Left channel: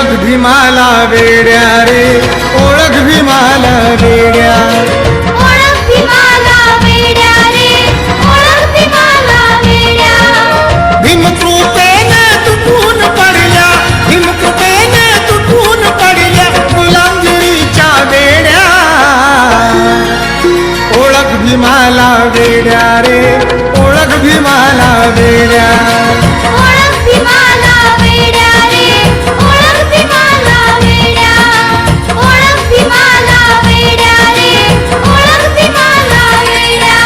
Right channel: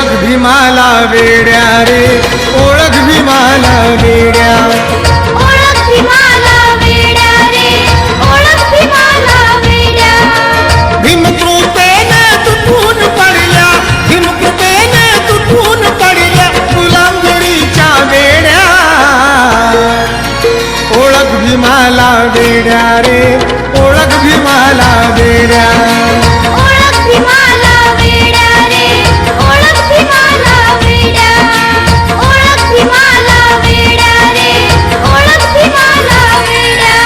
ओळख भीमाला वेड्या रे, ओळख भीमाला वेड्या. ओळख भीमाला वेड्या रे, ओळख भीमाला वेड्या. भीमकृपेने तुटून पडल्या, भीमकृपेने तुटून पडल्या गुलामगिरीच्या वेड्या. ओळख भीमाला वेड्या रे, ओळख भीमाला वेड्या. ओळख भीमाला वेड्या रे, ओळख भीमाला वेड्या. ओळख भीमाला वेड्या रे, ओळख भीमाला वेड्या.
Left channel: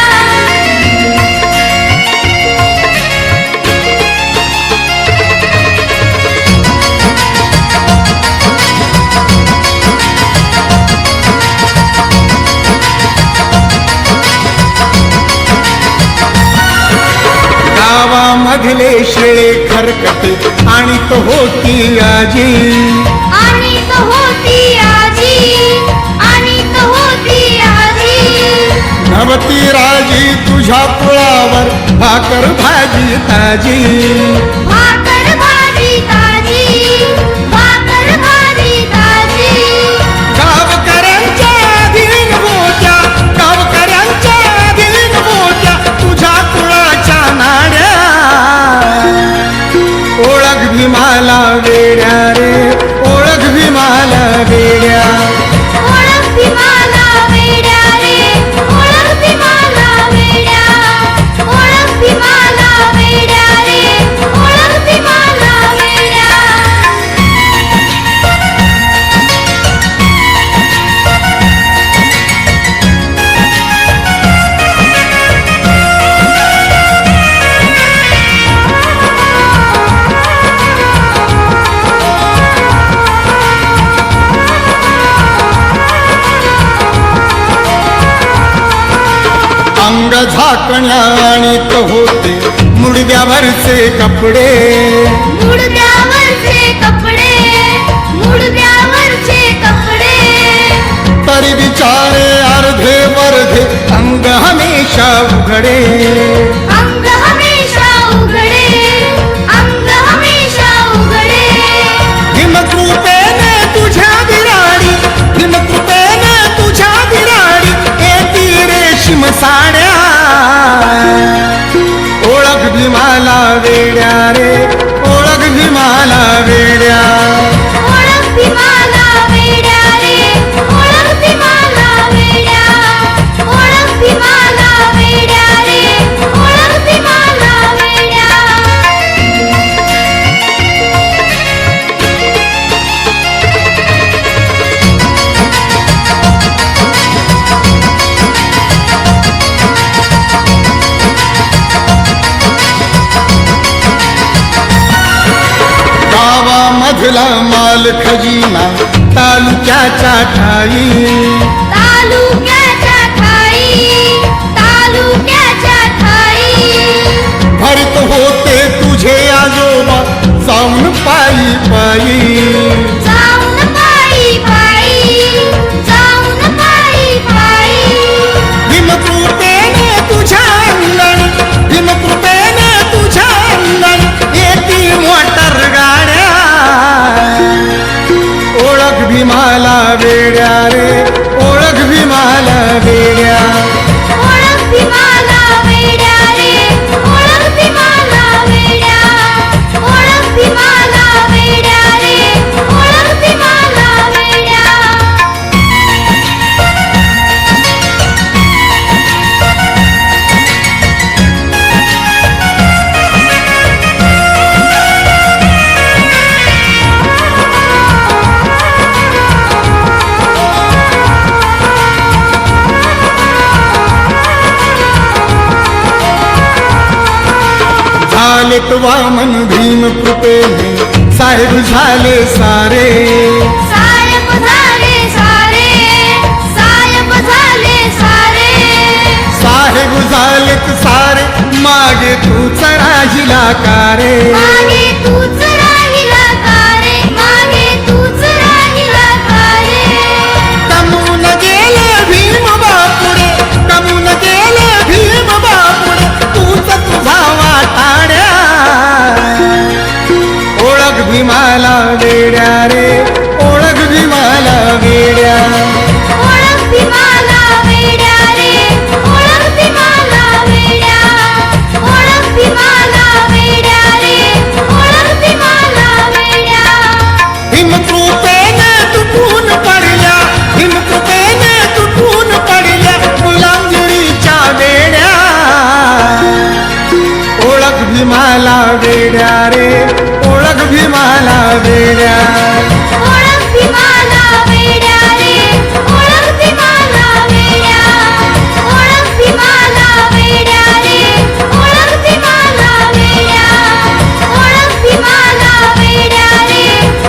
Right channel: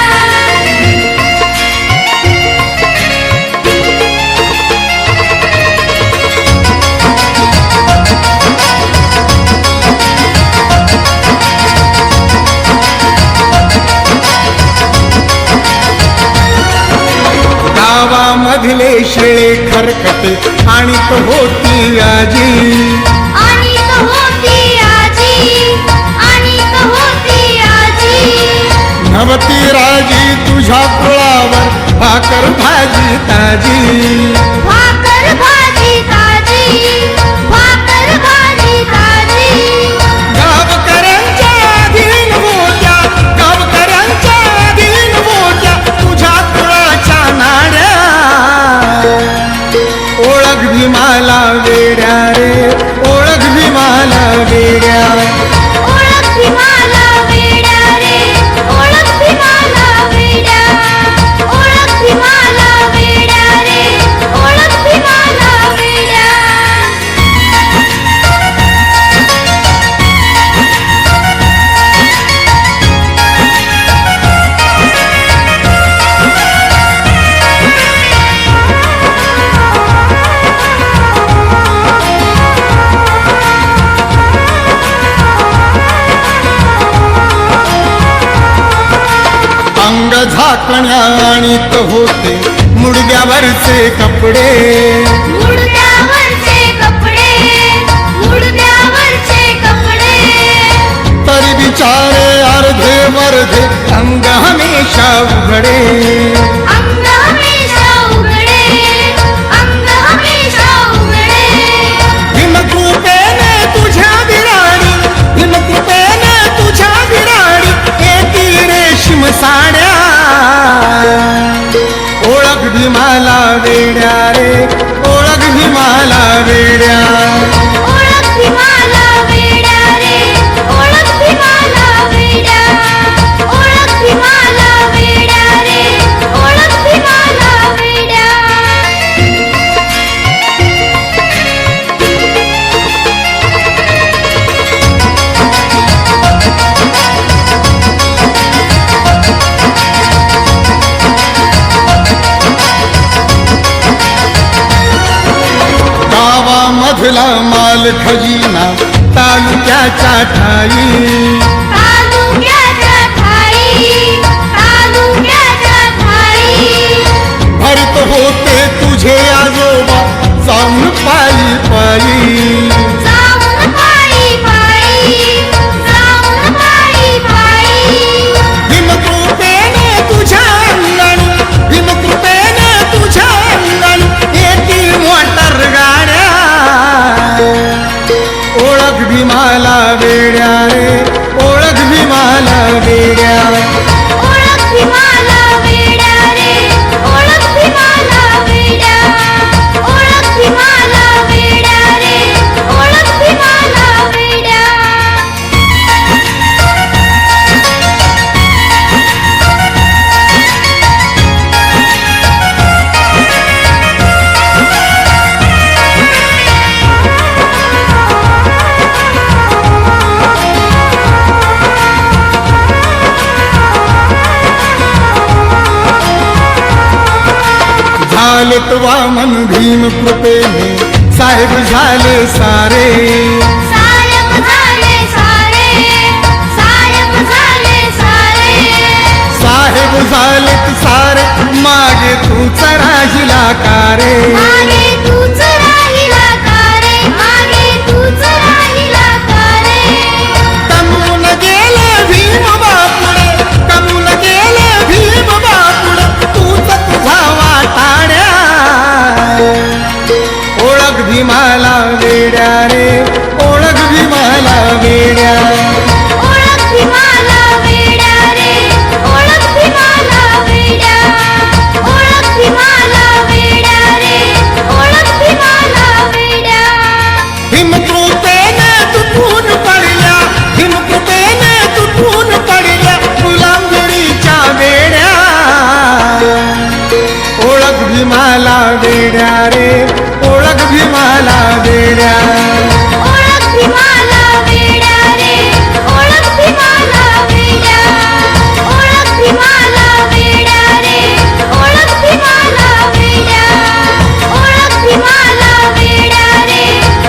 गावामधले शेळे खरकटे आणि तो होती आजी. आणि होती आजी, आणि होती आजी. नवती राजी तुझ्या कुळावर भाकर भाजी ताजी. भाकर भाजी ताजी, भाकर भाजी ताजी. गावकऱ्यांच्या अधीन होत्या, गावकऱ्यांच्या अधीन होत्या तुझ्या कुळाच्या नाड्या. ओळख भीमाला वेड्या रे, ओळख भीमाला वेड्या. ओळख भीमाला वेड्या रे, ओळख भीमाला वेड्या. ओळख भीमाला वेड्या रे, ओळख भीमाला वेड्या. अंग झाकण्या आणीत होते मुडद्यावरचे कपडे. मुडद्यावरचे कपडे, मुडद्यावरचे कपडे. तरी बिचारे अर्धे वर्धे अंग हमेशा उघडे. अंग हमेशा उघडे, अंग हमेशा उघडे. भीमकृपेने तुझ्या बिराडी, भीमकृपेने तुझ्या बिराडी येती रेशीम साड्या. ओळख भीमाला वेड्या रे, ओळख भीमाला वेड्या. ओळख भीमाला वेड्या रे, ओळख भीमाला वेड्या. ओळख भीमाला वेड्या रे, ओळख भीमाला वेड्या. गावामधला माल खजिना तालुक्याच्या ठाई. तालुक्याच्या ठाई, तालुक्याच्या ठाई. भरत होते तुझे आजोबा जाऊन पायी पायी. जाऊन पायी पायी, जाऊन पायी पायी. भीमकृपेने तुझ्या अंगणी, भीमकृपेने तुझ्या अंगणी येती मोटर गाड्या. ओळख भीमाला वेड्या रे, ओळख भीमाला वेड्या. ओळख भीमाला वेड्या रे, ओळख भीमाला वेड्या. ओळख भीमाला वेड्या रे, ओळख भीमाला वेड्या. झालेत वामन भीम कृपेने साहेब झाले सारे. साहेब झाले सारे, साहेब झाले सारे. साहेब झालेत सारे मागे तूच राहिला कारे. मागे तूच राहिला का रे, मागे तूच राहिला का रे. कमून गेले भीम बापुडे, कमून गेले भीम बापुडे तूच तुझा वाटाड्या. ओळख भीमाला वेड्या रे, ओळख भीमाला वेड्या. ओळख भीमाला वेड्या रे, ओळख भीमाला वेड्या. ओळख भीमाला वेड्या रे, ओळख भीमाला वेड्या. हिमकृपेने तुटून पडल्या, हिमकृपेने तुटून पडल्या गुलामगिरीच्या वेड्या. ओळख भीमाला वेड्या रे, ओळख भीमाला वेड्या.